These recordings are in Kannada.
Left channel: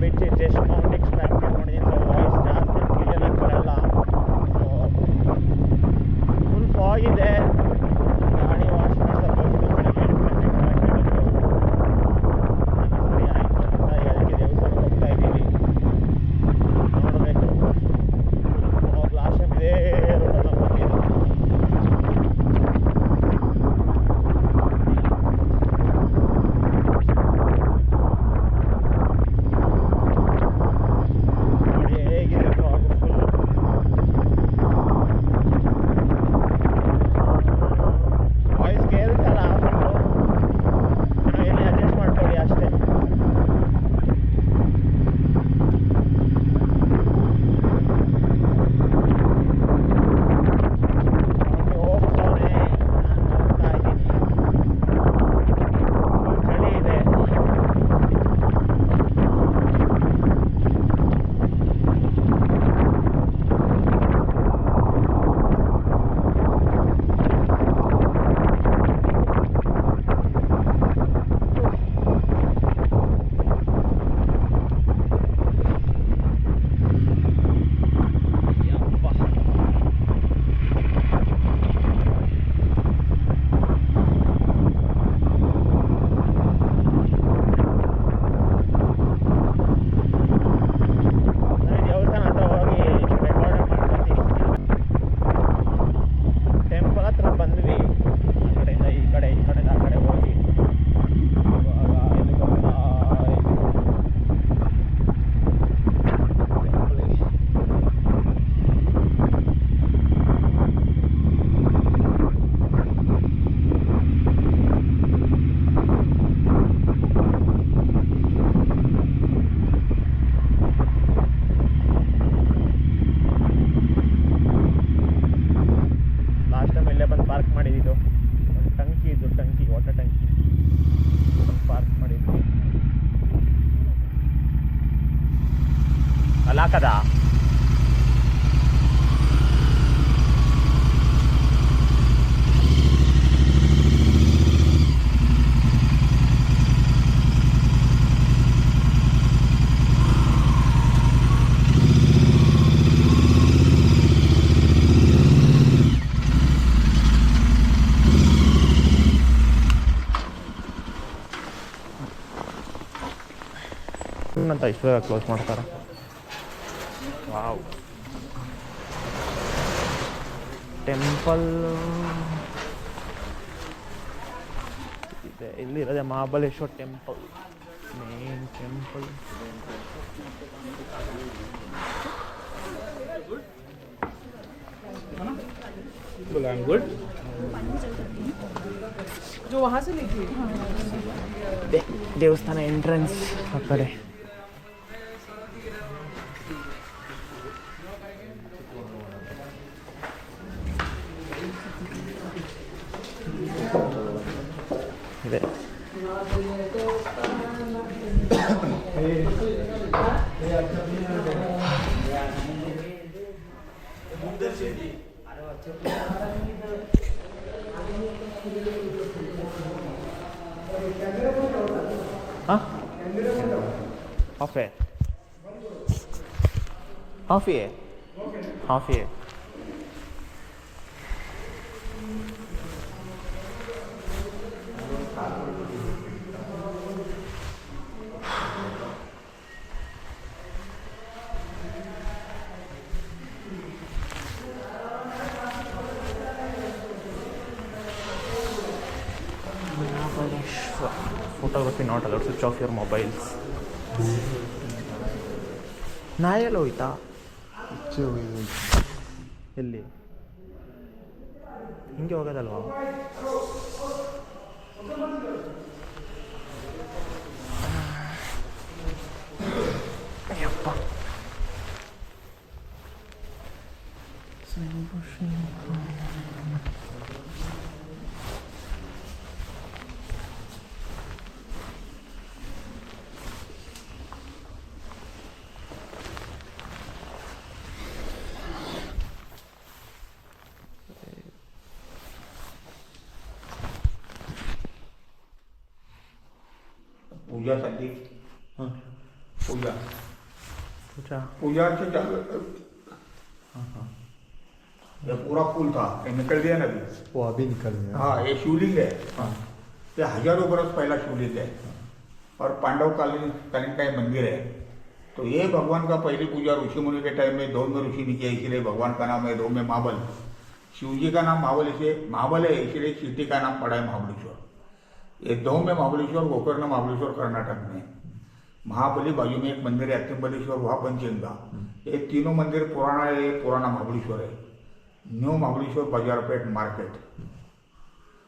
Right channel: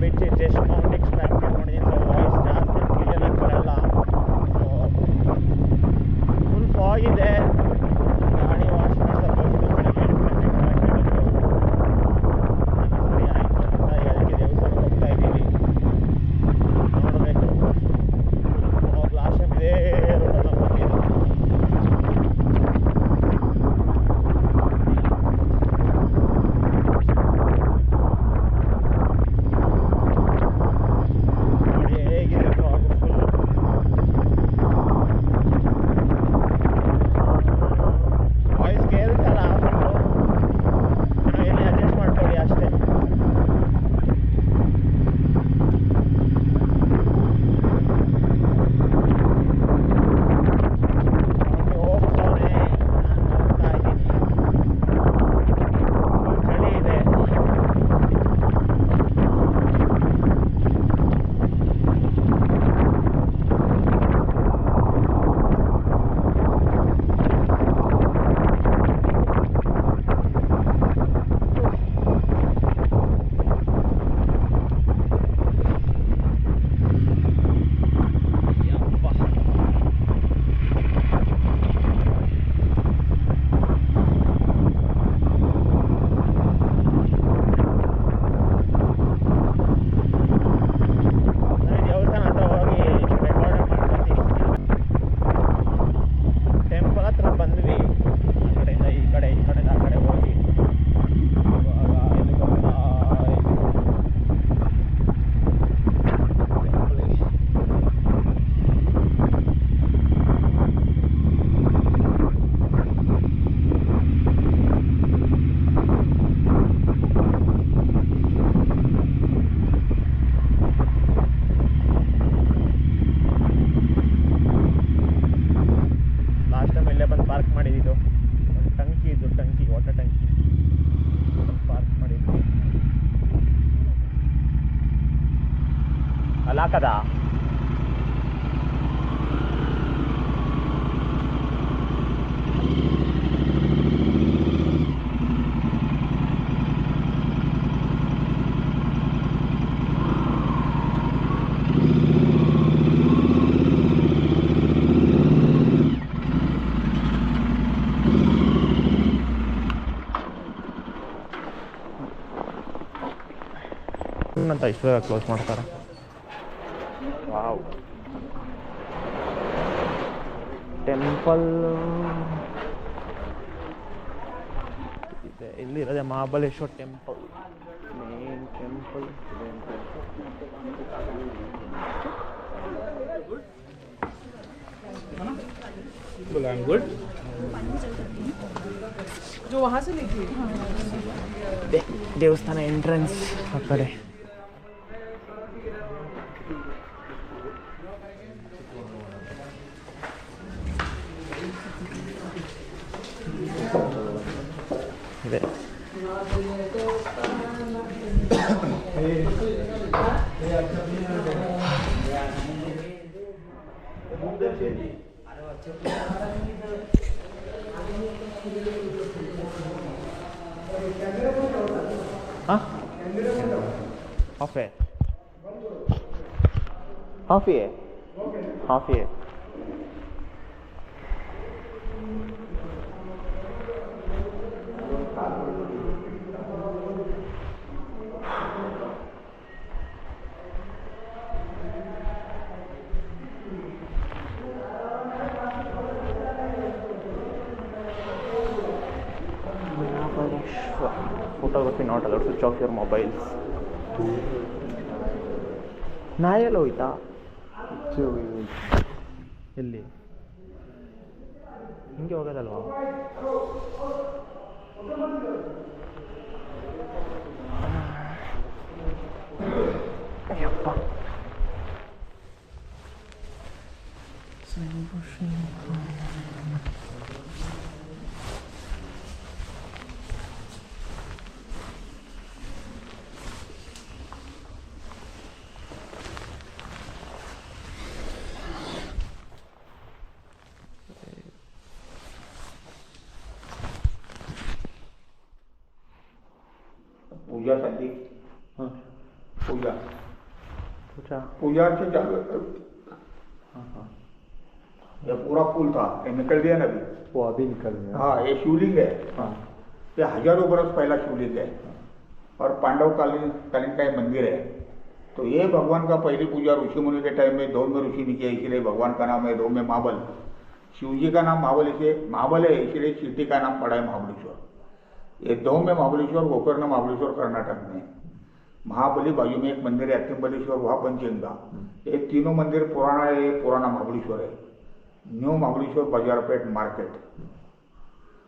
ಬಿಟ್ಟು ಜಸ್ಟ್ ಮೌಂಟ್ ಎಕ್ಸ್ಪ್ಯಾಂಡ್ ಮಾಡ್ಕೊಂಡಿದ್ದೀನಿ. ಸೊ ವಾಯ್ಸ್ ಜಾಸ್ತಿ ಕ್ಲಿಯರ್ ಆಗಿ ಬರಲ್ಲ. ಫುಲ್ ಫಾಗ್ ಇದೆ. ಗಾಡಿ ವಾಶ್ ಮಾಡ್ಸೋದು ಹೋಗಿದ್ದು ಬೆಳಗ್ಗೆ 8 ಗಂಟೆಗೆ ಸರಿ ಆಯಿತು ಅಂತ ಅದಕ್ಕೆ ದೇವಸ್ಥಾನಕ್ಕೆ ಹೋಗ್ತಾ ಇದ್ದೀವಿ. ನೋಡಬೇಕು. ಲಾಸ್ಟ್ ಟೈಮ್ ಇದೇ ರೋಡಲ್ಲಿ ಬಂದಿದ್ದು. కదా. ಅಂತ ಇಷ್ಟು ಬೇಗ ಕ್ಲೋಸ್ ಮಾಡ್ತಾರೆ. ವಾವ್, ಟೆಂಪಲ್ ಇದೆ ಇಲ್ಲಿರೋದೆ Mahabaleshwar temple, main temple. Good जो वहाँ से लेके ದೇವಸ್ಥಾನ ಎಂಟ್ರೆನ್ಸ್ ಆ ಕಡೆ. ಇದೆ हाफ है, हाफ ही है, हाफ ही है. Photography not allowed. Switch off your mobiles. ನಾಯೆಲ್ಲ ಹೋಯ್ತಾ ಎಲ್ಲಿ ಹಿಂಗೆ ಹೋಗೋದಲ್ವಾ? ಅಯ್ಯಪ್ಪ, पूजा कर दी. हाँ पूजा पूजा पूजा से ये पूरा पुल था, ये निकल गया ना अभी। वो अभी निकल गया। हाँ, ये शिवलिंग है। हाँ। ये हजारों बरस पहला शिवलिंग है और पांडव कालीन का ये मंदिर है। तो ये भगवान का पहली पूजा ऋषि मुनि के टाइम में दौन में ऋषि ने किया, इसीलिए भगवान का नाम है दौन में महाबल। शिव जी का नाम महाबल है, इसलिए सिटी का नाम पड़ा है महाबलेश्वर। ये दौन में महाबलेश्वर, गोकर्ण महाबलेश्वर कर्नाटक में, महाबली बाजू में एक मंदिर है अत्तिंबलेश्वर, वहाँ पंचगंगा। ये तीनों मंदिर पुराना महाबलेश्वर है। न्यू महाबलेश्वर बाजारपेट मार्केट।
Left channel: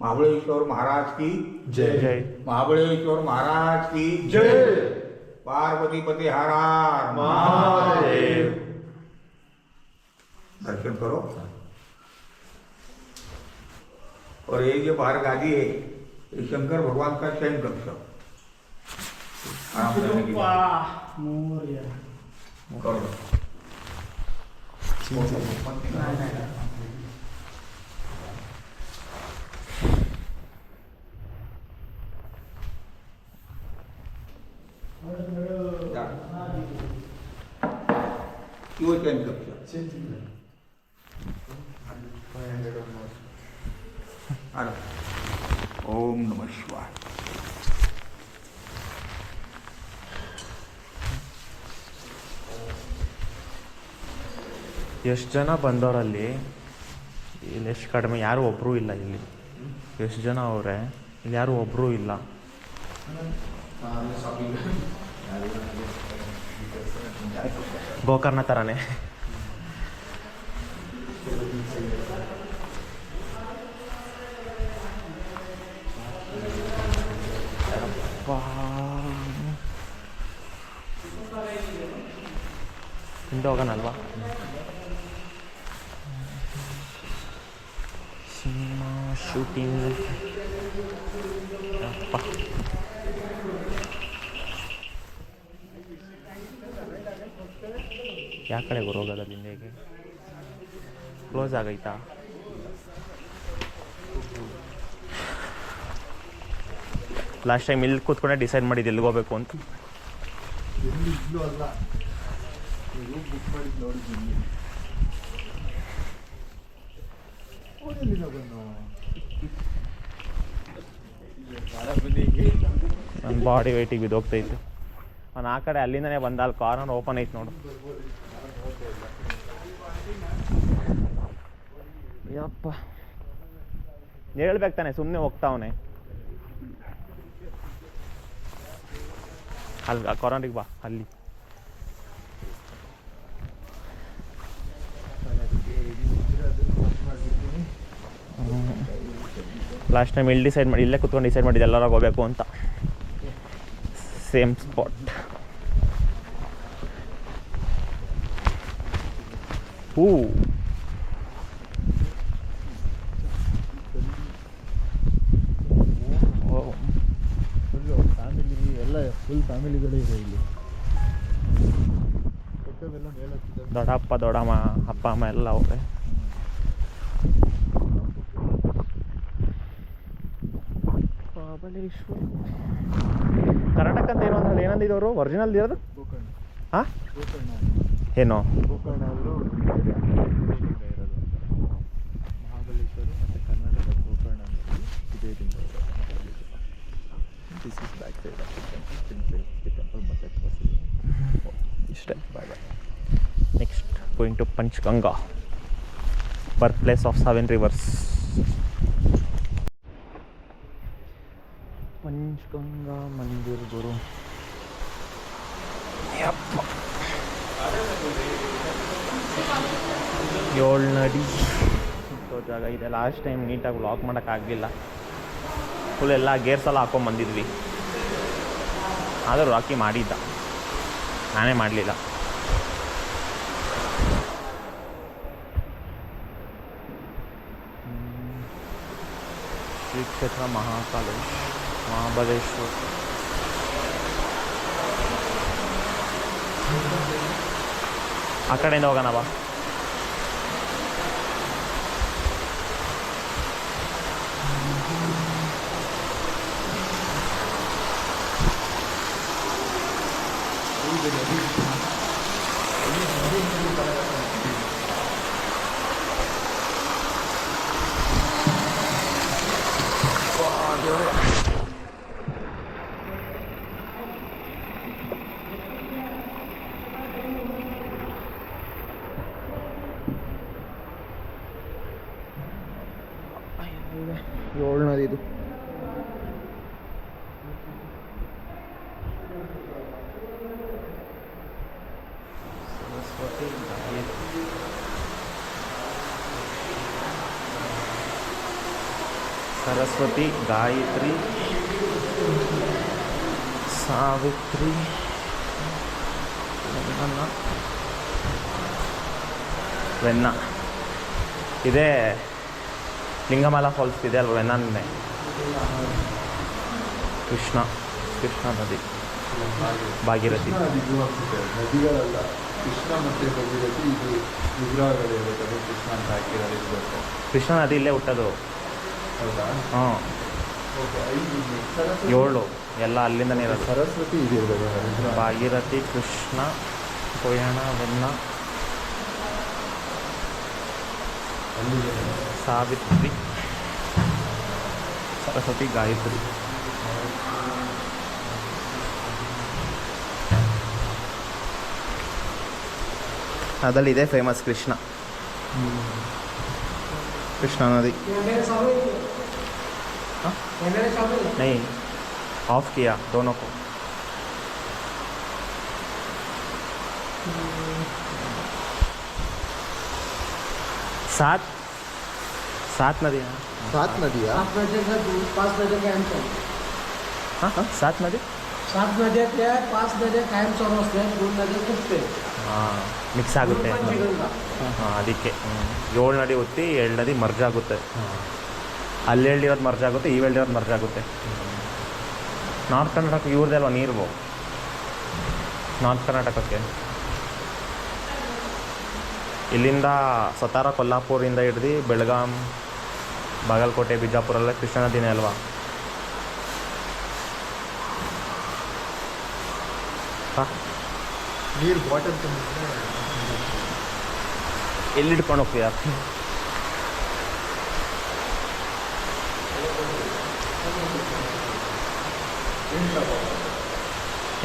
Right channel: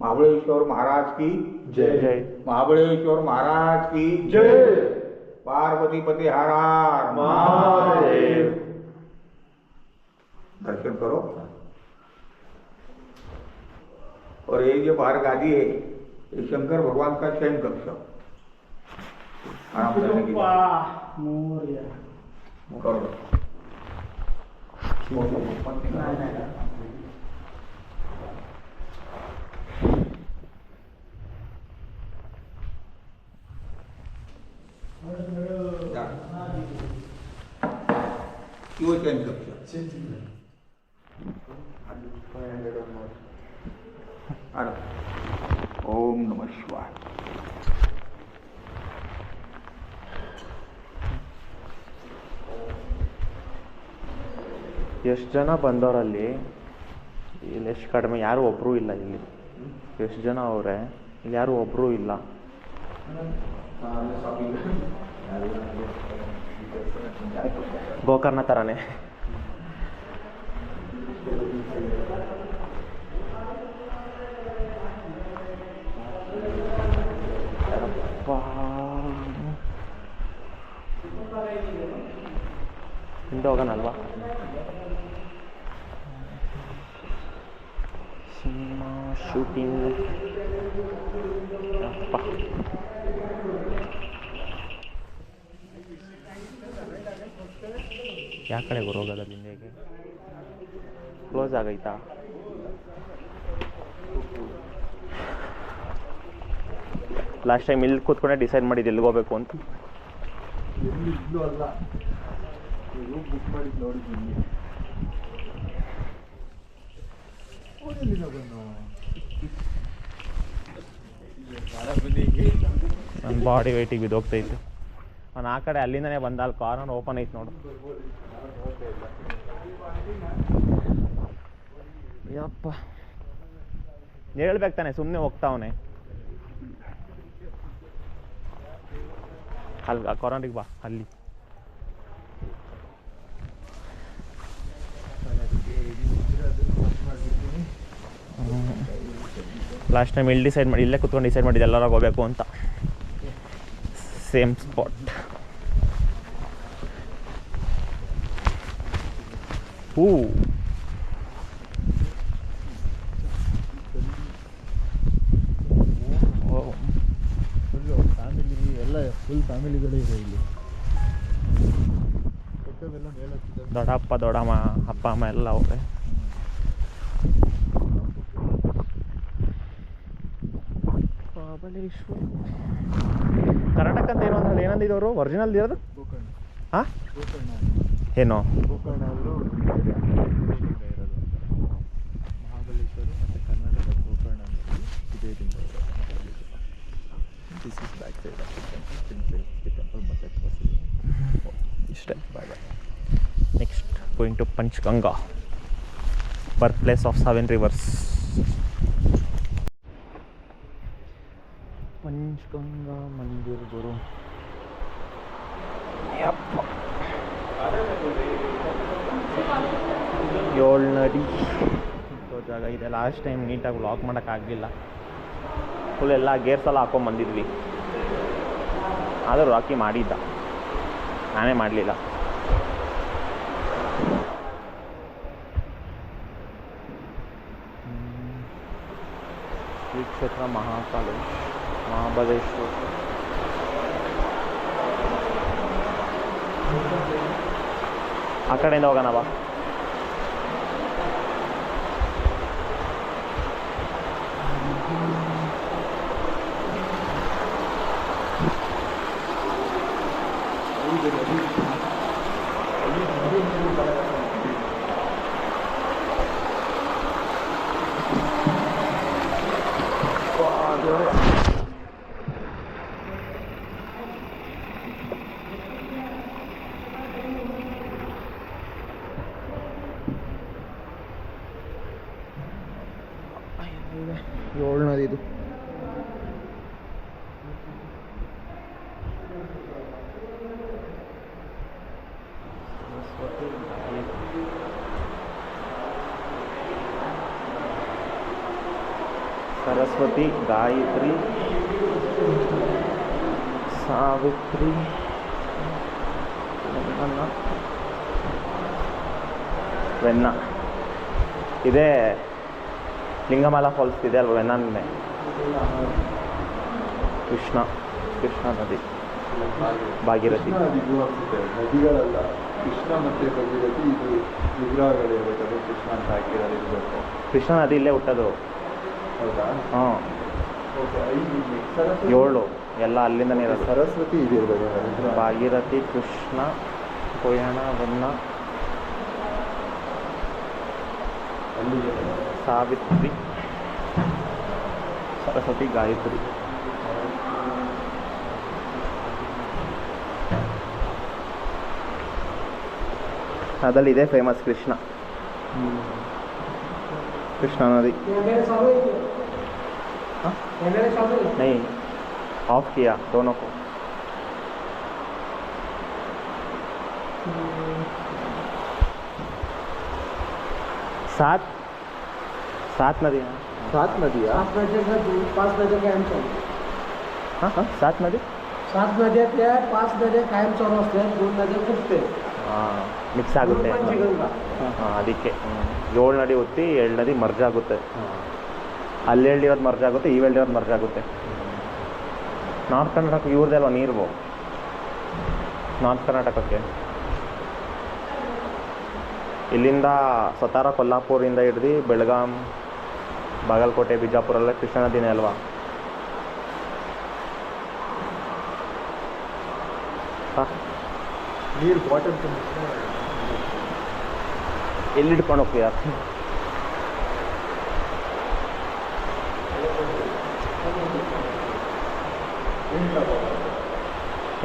महाबलेश्वर महाराज की जय जय। महाबलेश्वर महाराज की जय। पार्वती पति हर हर महादेव। दर्शन करो। और ये जो बाहर गादी है, ये शंकर भगवान का शयन कक्ष। आराम करने के लिए करो। क्यों चेंज कक्ष? ओम नमः शिवाय। ಎಷ್ಟು ಜನ ಬಂದವರಲ್ಲಿ ಇಲ್ಲಿ ಎಷ್ಟು ಕಡಿಮೆ ಯಾರೂ ಒಬ್ಬರೂ ಇಲ್ಲ. ಇಲ್ಲಿ ಎಷ್ಟು ಜನ ಅವರೇ, ಇಲ್ಲಿ ಯಾರೂ ಒಬ್ಬರೂ ಇಲ್ಲ. ಗೋಕರ್ಣ ಥರನೇ. ಹಿಂದೆ ಹೋಗೋಣಲ್ವಾ? ಸಿನಿಮಾ ಶೂಟಿಂಗ್ ಅಪ್ಪ. ಯಾವ ಕಡೆ ಹೋಗೋದ ಹಿಂದೆಗೆ? ಕ್ಲೋಸ್ ಆಗೈತಾ? ಲಾಸ್ಟ್ ಟೈಮ್ ಇಲ್ಲಿ ಕೂತ್ಕೊಂಡೆ ಡಿಸೈಡ್ ಮಾಡಿದ್ದು ಎಲ್ಲಿಗೆ ಹೋಗ್ಬೇಕು ಅಂತ. ಇಲ್ಲೂ ಅಲ್ಲ, ಬುಕ್ ಮಾಡಿದ್ದು ನೋಡಿದ್ದೀನಿ. ನನ್ನ ಬಾಡಿ ವೆಯ್ಟಿಗೆ ಬಿದ್ದೋಗ್ತೈತೆ. ನಾನು ಆ ಕಡೆ ಅಲ್ಲಿಂದನೇ ಬಂದ, ಅಲ್ಲಿ ಕಾರ್ನರ್ ಓಪನ್ ಐತೆ ನೋಡು. ಯಪ್ಪ, ಹೇಳ್ಬೇಕು ತಾನೆ, ಸುಮ್ಮನೆ ಹೋಗ್ತಾವನೆ. ಅಲ್ಲಿ ಕಾರ್ನರಿಗೆ ಬಾ, ಅಲ್ಲಿ ಲಾಸ್ಟ್ ಟೈಮ್ ಇಲ್ಲಿ ಡಿಸೈಡ್ ಮಾಡಿ, ಇಲ್ಲೇ ಕುತ್ಕೊಂಡು ಡಿಸೈಡ್ ಮಾಡಿದ್ದು ಎಲ್ಲರಾಗ ಹೋಗ್ಬೇಕು ಅಂತ. Same spot. ಹೂ ಫ್ಯಾಮಿಲಿ ಎಲ್ಲ ಫುಲ್ ಫ್ಯಾಮಿಲಿಗಳೇ ಇದೆ ಇಲ್ಲಿ. ದೊಡ್ಡಪ್ಪ ದೊಡ್ಡಮ್ಮ ಅಪ್ಪ ಅಮ್ಮ ಎಲ್ಲ ಅವ್ರೆ. ಮಹಾಬಲೇಶ್ವರ ಕರ್ನಾಟಕ ಅಂತ ಏನೋ ಅಂದ್ರೆ ಏನಂದಿದ್ದವರು ಒರಿಜಿನಲ್ ಇರೋದು? ಹಾಂ, ಏನೋ ಗೋಕರ್ಣದಲ್ಲೂ ಇರೋದು ಮಹಾಬಲೇಶ್ವರ ಮತ್ತು ಕರ್ನಾಟಕ ಗೋಕರ್ಣದಲ್ಲಿ ಇದೇ ಲಿಂಗ ಇರೋದು. This is back side of the temple ಮತ್ತೆ ಇಷ್ಟೇ. Next going to Panchaganga, birth place of 7 rivers. Panchaganga ಮಂದಿರ್ ಗುರು. ಏಳು ನಡಿ ಜಾಗ ಇದೆ. ಲಾಸ್ಟ್ ಟೈಮ್ ನೀಟಾಗಿ ವ್ಲಾಗ್ ಮಾಡೋಕ್ಕಾಗಲಿಲ್ಲ. ಫುಲ್ ಎಲ್ಲ ಗೇರ್ಸ್ ಎಲ್ಲ ಹಾಕೊಂಬಂದಿದ್ವಿ, ಆದರೂ ರಾಕಿ ಮಾಡಿದ್ದ, ನಾನೇ ಮಾಡಲಿಲ್ಲ. ಶ್ರೀ ಕ್ಷೇತ್ರ ಮಹಾಬಲೇಶ್ವರ. ಆ ಕಡೆಯಿಂದ ಹೋಗೋಣ ಬಾ. ಏಳನೇದು ಇದು. ಸರಸ್ವತಿ, ಗಾಯತ್ರಿ, ಸಾವಿತ್ರಿ, ವೆನ್ನ. ಇದೇ ಲಿಂಗಮಾಲ ಫಾಲ್ಸ್ ಇದೆ ಅಲ್ವ, ವೆನ್ನನ್ನೇ. ಕೃಷ್ಣ ನದಿ, ಭಾಗೀರಥಿ. ನದಿಗಳಲ್ಲ, ಕೃಷ್ಣ ಮತ್ತು ಭಾಗೀರಥಿ ಇದು ವಿಗ್ರಹಗಳಿರಬೇಕದು. ಕೃಷ್ಣ ಅಂತ ಹಾಕಿರೋದು ಇರಬೇಕು. ಕೃಷ್ಣ ನದಿ ಇಲ್ಲೇ ಹುಟ್ಟೋದು. ಹೌದಾ? ಹಾಂ, ಓಕೆ. 7 ಎಲ್ಲ ಅಲ್ಲಿಂದನೇ ಇರೋದು. ಸರಸ್ವತಿ ಇದು ಇರಬೇಕು. ಭಾಗೀರಥಿ, ಕೃಷ್ಣ, ಕೊಯ್ಯಣ, ವೆನ್ನ, ಸಾವಿತ್ರಿ, ಸರಸ್ವತಿ, ಗಾಯತ್ರಿ. ಅದರಲ್ಲಿ ಇದೆ ಫೇಮಸ್ ಕೃಷ್ಣ नदी. नहीं, ऑफ किया दोनों को. सात नदियाँ. 7 नदियाँ. 5 नद्या कायम चालू. हां 7 नदी. 7 नद्यातल्या 5 नद्या कायम चालू असतात. 2 नद्या खूपते. ಹಾಂ, ಮಿಕ್ಸ್ ಆಗುತ್ತೆ. ಹಾಂ, ಅದಕ್ಕೆ 7 ನದಿ ಹುಟ್ಟಿ 7 ನದಿ ಮರ್ಜ್ ಆಗುತ್ತೆ. ಅಲ್ಲಿ ಹೇಳಿರೋದು ಮರ್ಜ್ ಆಗುತ್ತೆ, ಇವು ಹೇಳಿರೋದು ಮರ್ಜ್ ಆಗುತ್ತೆ. ನಾರ್ತ್ ಕರ್ನಾಟಕ ಇವ್ರದ್ದೇ ಅಲ್ವಾ ನೀರು, ನಾರ್ತ್ ಕರ್ನಾಟಕಕ್ಕೆ. ಇಲ್ಲಿಂದ ಸತಾರ, ಕೊಲ್ಲಾಪುರಿಂದ ಹಿಡ್ದು ಬೆಳಗಾಂ, ಬಾಗಲಕೋಟೆ, ಬಿಜಾಪುರಲ್ಲ ಕೃಷ್ಣ ನದಿನೇ ಅಲ್ವಾ. ಹಾಂ, ನೀರು ಬಾಟಲ್ ಎಲ್ಲಿ ಹಿಡ್ಕೊಂಡು ಹೋಗ್ತೀಯ?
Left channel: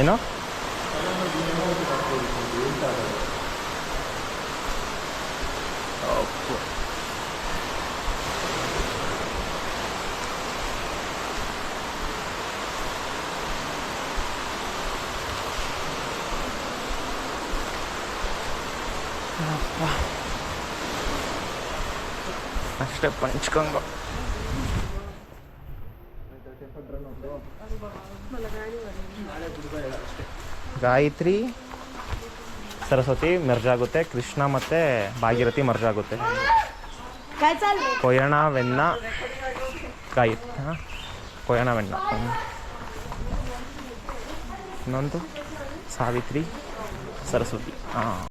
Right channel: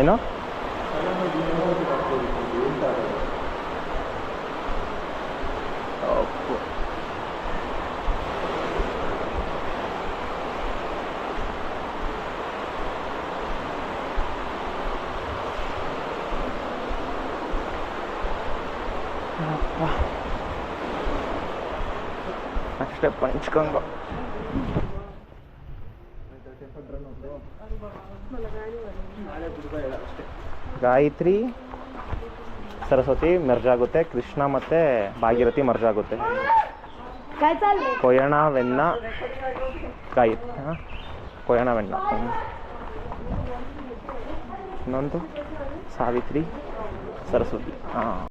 ಏನೋ ಅಷ್ಟೇ ಪಂಚ್ಕಂಗ. ಗಾಯತ್ರಿ, ಸರಸ್ವತಿ ಮರ್ಜ್ ಆಗುತ್ತೆ, ಕೃಷ್ಣ ಮತ್ತು ಭಾಗೀರಥಿ ಮರ್ಜ್ ಆಗುತ್ತೆ. ಕೊಯ್ಯಣ, ವೆನ್ನ, ಗಾಯತ್ರಿ. ಹಾಂ, ಕೊಯ್ಯಣ, ವೆನ್ನ. ಇನ್ನೊಂದು ಸಾವಿತ್ರಿ, ಸರಸ್ವತಿ. ಹಾಂ.